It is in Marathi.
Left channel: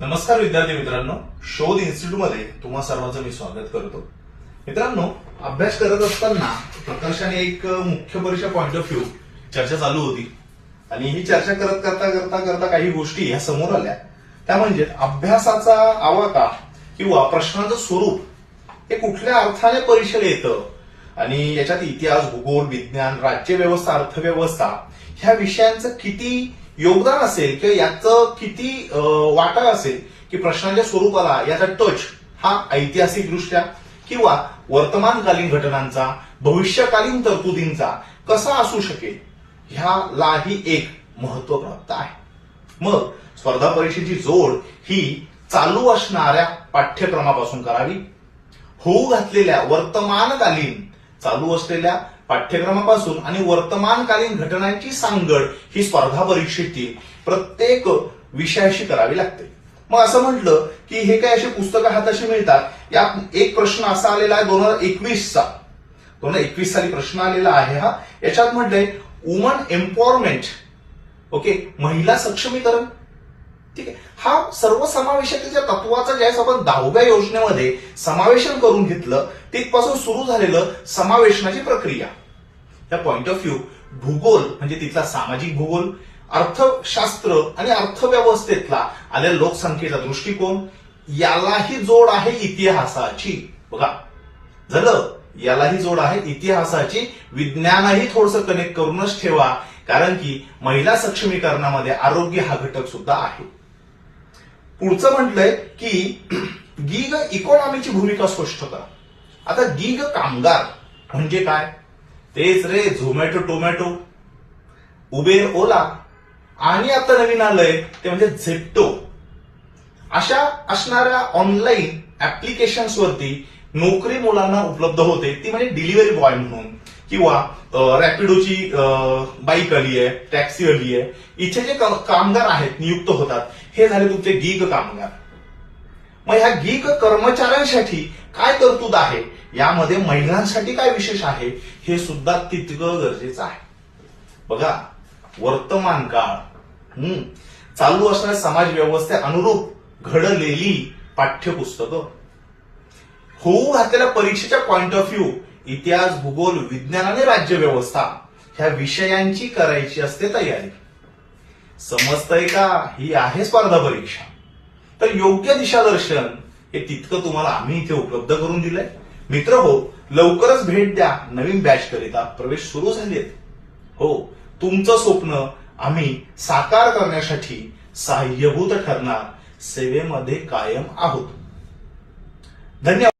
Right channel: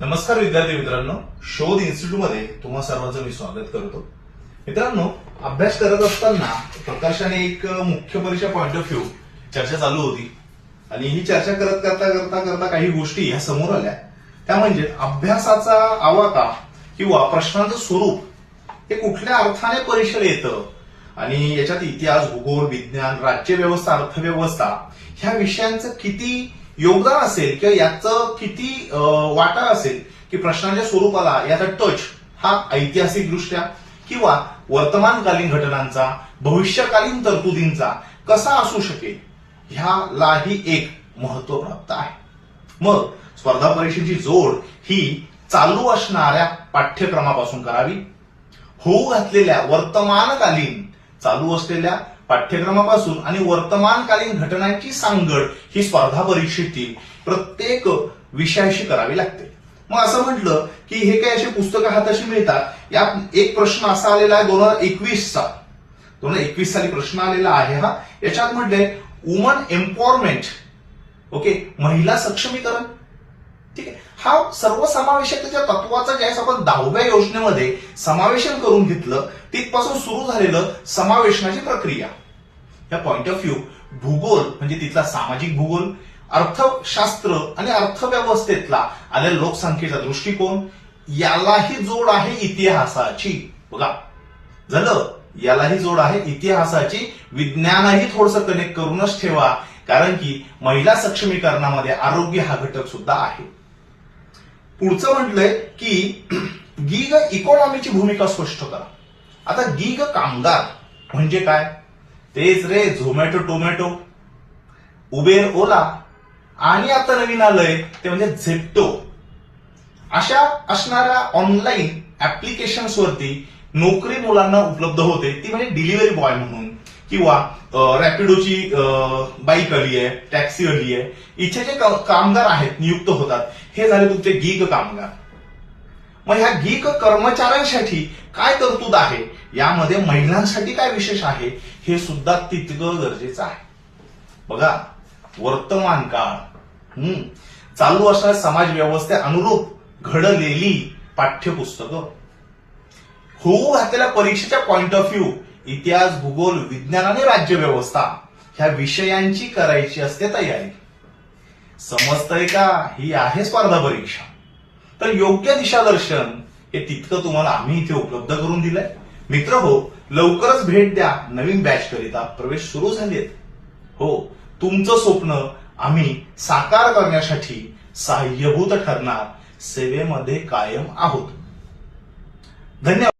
नमस्कार विद्यार्थी मित्रांनो, शोध इन्स्टिट्यूटमध्ये तुम्हा सर्वांचं मी स्वागत करतो. मित्रांनो, अभ्यास करत असताना प्रकर्षाने एक मुख्य परीक्षा पॉइंट ऑफ व्ह्यू चर्चा चालू होती आणि ही चर्चा करता काही गोष्टी ह्या समोर आल्या. त्या म्हणजे अभ्यासाचा आवाका किंवा प्रश्नांचं स्वरूप हे कुठल्या अर्थाने परीक्षेला येतं आणि याच्यात इतिहास, भूगोल, विज्ञान, राज्यव्यवस्था, अर्थव्यवस्था ह्या विषयांचं किती योगदान असेल किंवा याचं किती वाटा असेल की प्रश्नांच्या स्वरूपाला याचा टच हा ऐतिहासिकदृष्ट्या किंवा वर्तमानकालीन घटनांचा, भविष्यकालीन तरतुदींचा कसा असू शकेल ह्यालाही एक महत्व प्राप्त आहे. मग स्पर्धा परीक्षेची जोड ही चालू असणाऱ्या पाठ्यक्रमापासून करावी. होऊ घातलेल्या वर्तमानकालीन चालू असलेल्या पाठ्यक्रमापासून आणि वर्तमानकालीन घटनांची सांगड ही स्पर्धा परीक्षेतील प्रत्येक विषयाशी करावी लागते. मग असं म्हटलं की हे काही अशी पुस्तकं हाताशी मिळतात. यात एक प्रश्न असा आलेला आहे 2021 साली प्रश्न आलेला आहे. हा याच्यात म्हटलंय वुमन एम्पॉवरमेंट. ओके, महिला सक्षमीकरण. ठीक आहे, हा सर्वसमावेशकतेच्या तत्वाचा ज्यावेळेस आपण 10व्या योजनेमध्ये समावेशन करून घेतलं तिथपासून सुरू झालेलं समावेशनाची प्रक्रिया. या पॉइंट ऑफ व्ह्यू भूगोल म्हणजे तिथला सामाजिक भूगोल, अर्थशास्त्र आणि अर्थव्यवस्थेतला आलेल्या लोकसंख्येचा दृष्टिकोन, यालाही जोड आहे इतिहासाची. बघा झालं, यालाही जोड आहे इतिहासाची. विज्ञानही थोडंसं कनेक्ट करूनच ठेवा, कारण की महिला सक्षमीकरणामध्ये आरोग्य हा घटक सुद्धा आहे. पुढचं म्हटलंय की गिग इकॉनॉमीची भूमिका स्पष्ट करा. आता गिग कामगार म्हणजे काय? तेच रे झोमॅटो, टोमॅटो, उबेर, ओला आणि आता नवीन आलंय ते म्हणजे झेप्टो. अशा असणाऱ्या ऑनलाईन ऍप्लिकेशन्सवरती नोकरी मुलांना उपलब्ध होते. ती म्हणजे डिलिव्हरी बॉय म्हणून किंवा रॅपिडोची बाईक आली आहे, टॅक्सी आली आहे. इथे जे कामगार आहेत नियुक्त होतात हे झाले तुमचे गीग कामगार. मग ह्या गीग कर्मचाऱ्यांसाठी काय तरतूद आहे, यामध्ये महिलांसाठी काय विशेष आहे हे सुद्धा तितकं गरजेचं आहे. बघा वर्तमान काळ, चालू असणाऱ्या समाज व्यवस्थे अनुरूप घडलेली पाठ्यपुस्तकं, होऊ घातलेल्या परीक्षेच्या पॉइंट ऑफ व्ह्यू इतिहास, भूगोल, विज्ञान आणि राज्यव्यवस्था ह्या विषयांची करायची असते तयारी. समजतंय का? ही आहे स्पर्धा परीक्षा. तर योग्य दिशादर्शन हे तितकं तुम्हाला आम्ही इथे उपलब्ध करून दिलंय. मित्र हो, लवकरच भेट द्या. नवीन बॅच करिता प्रवेश सुरू झालेत. हो, तुमचं स्वप्न आम्ही साकार करण्यासाठी सहाय्यभूत ठरणार. सेवेमध्ये कायम आहोत. धन्यवाद.